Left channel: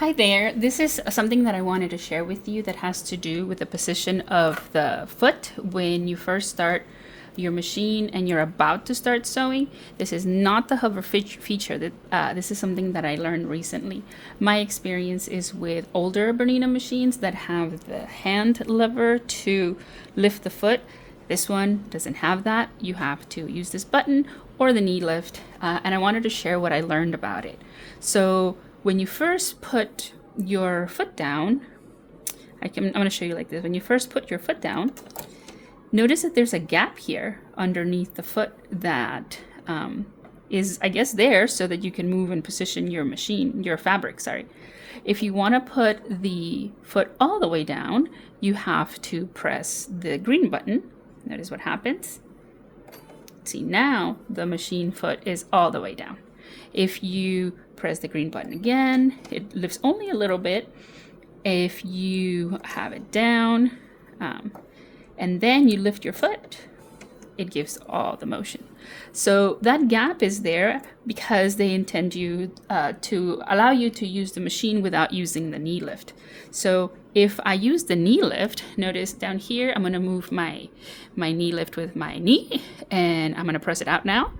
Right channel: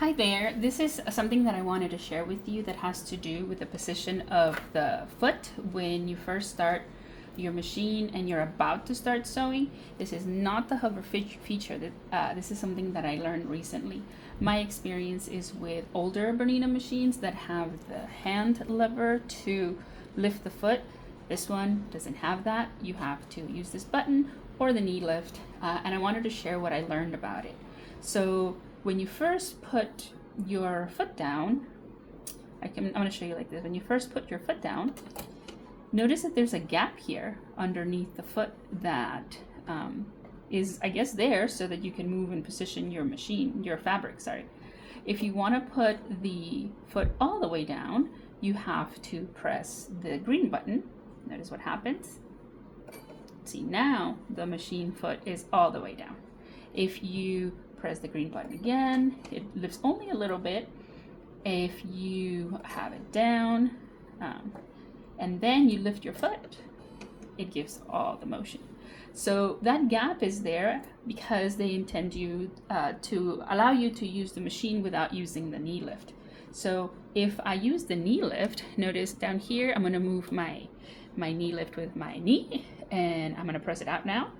Hi there. This is something that I wanted to share with you that has to do with the position of the foot when you first start your machine and you're about to start sewing. This is not the hover feature. This is something that I learned recently. My experience is with older Bernina machines that have the hand lever to lift the foot. This one doesn't have that. You have to use this button or the knee lift, and I wanted to share what I learned about it. So when you first put your foot down, I'm going to show you like this. When you first put your foot down, notice that there's a gap here underneath the foot that is, I guess, there so that you can move and position your machine, your fabric, sorry. If you want to put the foot all the way down, you have to press the green button. Notice what happens. See, now the machine foot is all the way down. If you press the green button again, it lifts only a little bit. If you have it down, and then you lift your foot, it gives all the motion. So that gap is there because they intend you to allow you to use the machine without using the knee lift. So if I use the knee lift, notice down here, I'm going to move my knee lift with my knee, and I'm going to press it out now,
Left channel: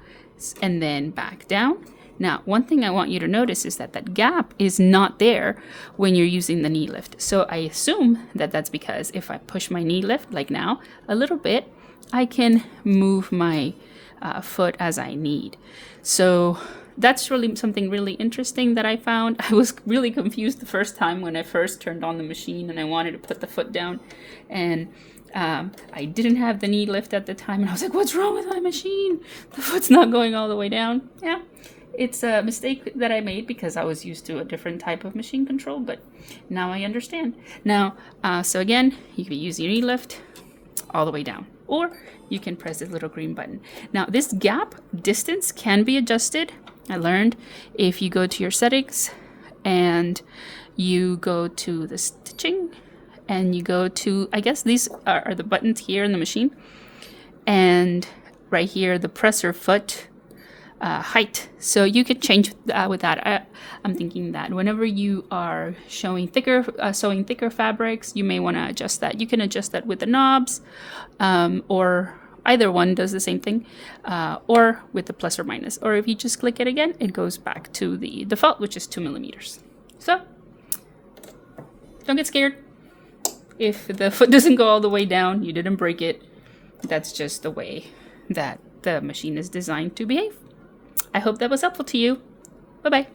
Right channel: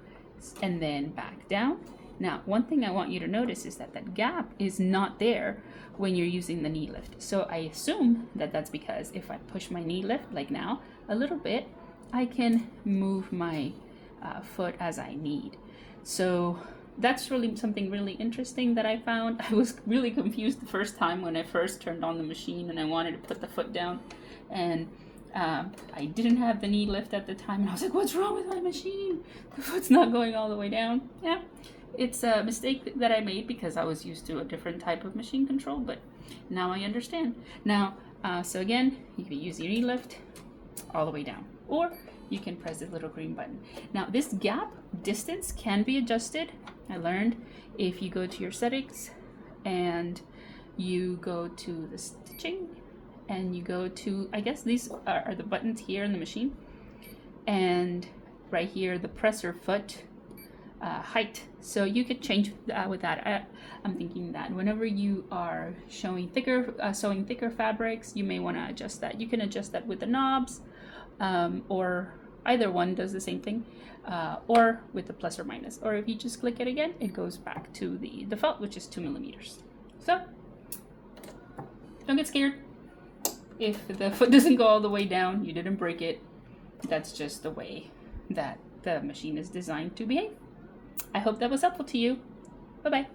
and then back down. Now, one thing I want you to notice is that that gap is not there when you're using the knee lift. So I assume that that's because if I push my knee lift, like now, a little bit, I can move my foot as I need. So that's really something really interesting that I found. I was really confused the first time when I first turned on the machine and I wanted to put the foot down. And I didn't have the knee lift at the time. And I was like, what's wrong with my machine? The foot's not going all the way down. Yeah. It's a mistake that I made because I was used to a different type of machine control, but now I understand. Now, so again, you can use your knee lift all the way down, or you can press this little green button. Now, this gap distance can be adjusted. I learned if you go to your settings and you go to the stitching and you go to, I guess these are the buttons here in the machine, and right here, the presser foot height. So you could change with that. I'm thinking that whenever you are sewing thicker fabrics, you may want to adjust that. You can adjust that with the knobs, or either one does the same thing, or with the plus or minus. Or if you just click it again, it goes back to the default, which is 2 millimeters. So don't get scared. If the foot doesn't go all the way down, you didn't break it. That's just the way that the machine is designed to behave. I hope that was helpful to you. Bye-bye.